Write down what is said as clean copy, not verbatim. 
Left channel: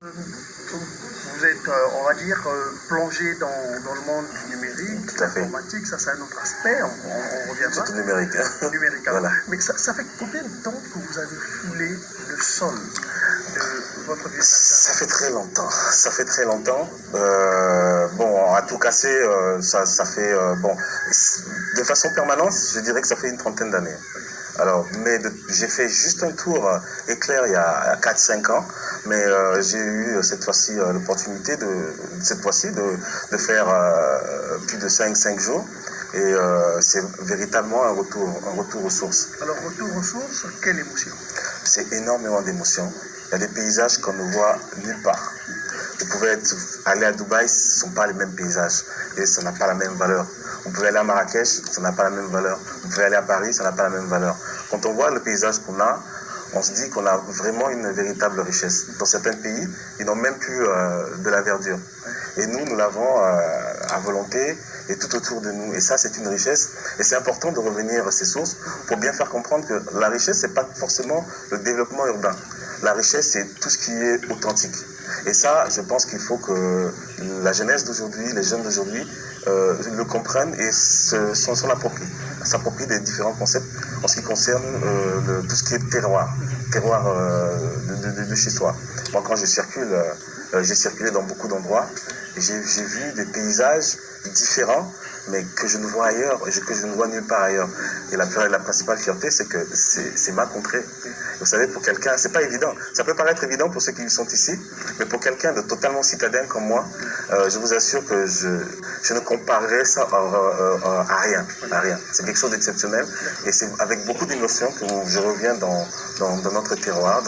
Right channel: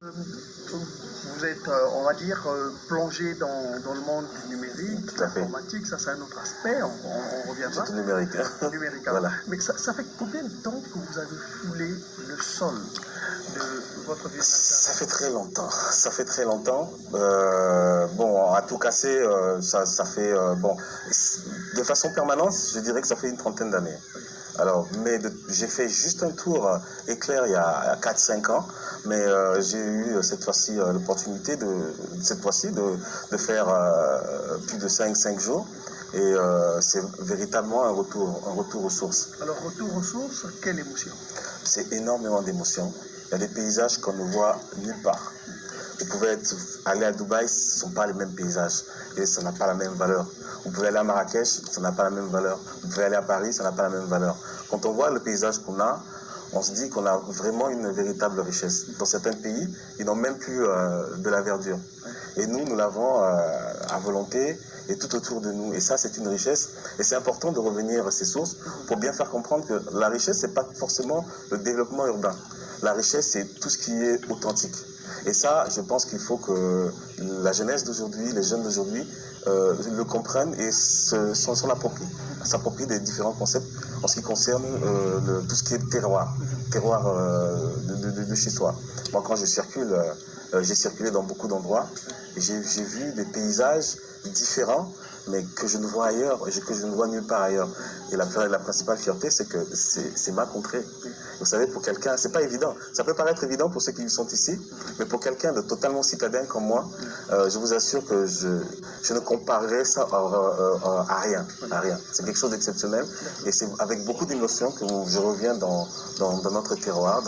Vous êtes, on va dire, plongé dans le monde du numérique, Tout à fait. l'informatique, ça c'est un autre aspect, on reviendra. C'est tout numérique. Au numérique. Voilà. Mais ça fait combien de temps que vous avez foulé le sol de votre ville? Ça fait très longtemps. Ça fait très longtemps. Bon, à tout casser, ça fait bon. De façon permanente, je dirais que ça fait une trentaine d'années. Alors, mais j'ai fait juste un tour éclair il y a 4-5 ans, mais j'ai eu cette fois-ci l'opportunité de faire plus de 5 jours. Et c'est véritablement un retour aux sources. Alors, retour aux sources, quelle émotion? C'est énormément d'émotions. Il y a des paysages qu'on ne voit nulle part. Vous pouvez aller à Dubaï, ce ne sont pas les mêmes paysages et ça n'a pas la même valeur. Vous pouvez aller à Marrakech, ça n'a pas la même valeur. Vous pouvez aller à Paris, ça n'a pas la même valeur. Quand on voit le paysage qu'on a, on se dit qu'on a vraiment une véritable richesse. Dans certains pays, ils n'ont même plus de la verdure. Et nous l'avons à volonté et tout autour de nous. Et ça, c'est une richesse. Et c'est important de revenir à ces sources pour bien faire comprendre que la richesse, ce n'est pas forcément le développement urbain. La richesse, c'est tout ce qui est authentique. Et ça, je pense qu'il faut que la jeunesse d'aujourd'hui, les jeunes d'aujourd'hui, le comprennent et s'en l'approprient. S'approprient des différents concepts en ce qui concerne tout ce qui est terroir de chez soi. Moi, quand je circule, j'ai circulé dans beaucoup d'endroits et j'ai vu des paysages différents, mais que je ne vois ailleurs, que je ne vois nulle part ailleurs. Et la principale fierté, c'est que c'est ma contrée. Vous savez, pour quelqu'un, c'est pas évident. Ça peut paraître évident pour ceux qui sont ici, mais pour quelqu'un de totalement citadin comme moi, je vous assure que je ne comparerais ça à rien. C'est quelque chose d'exceptionnel et c'est avec beaucoup d'émotion que je reviens dans notre terroir.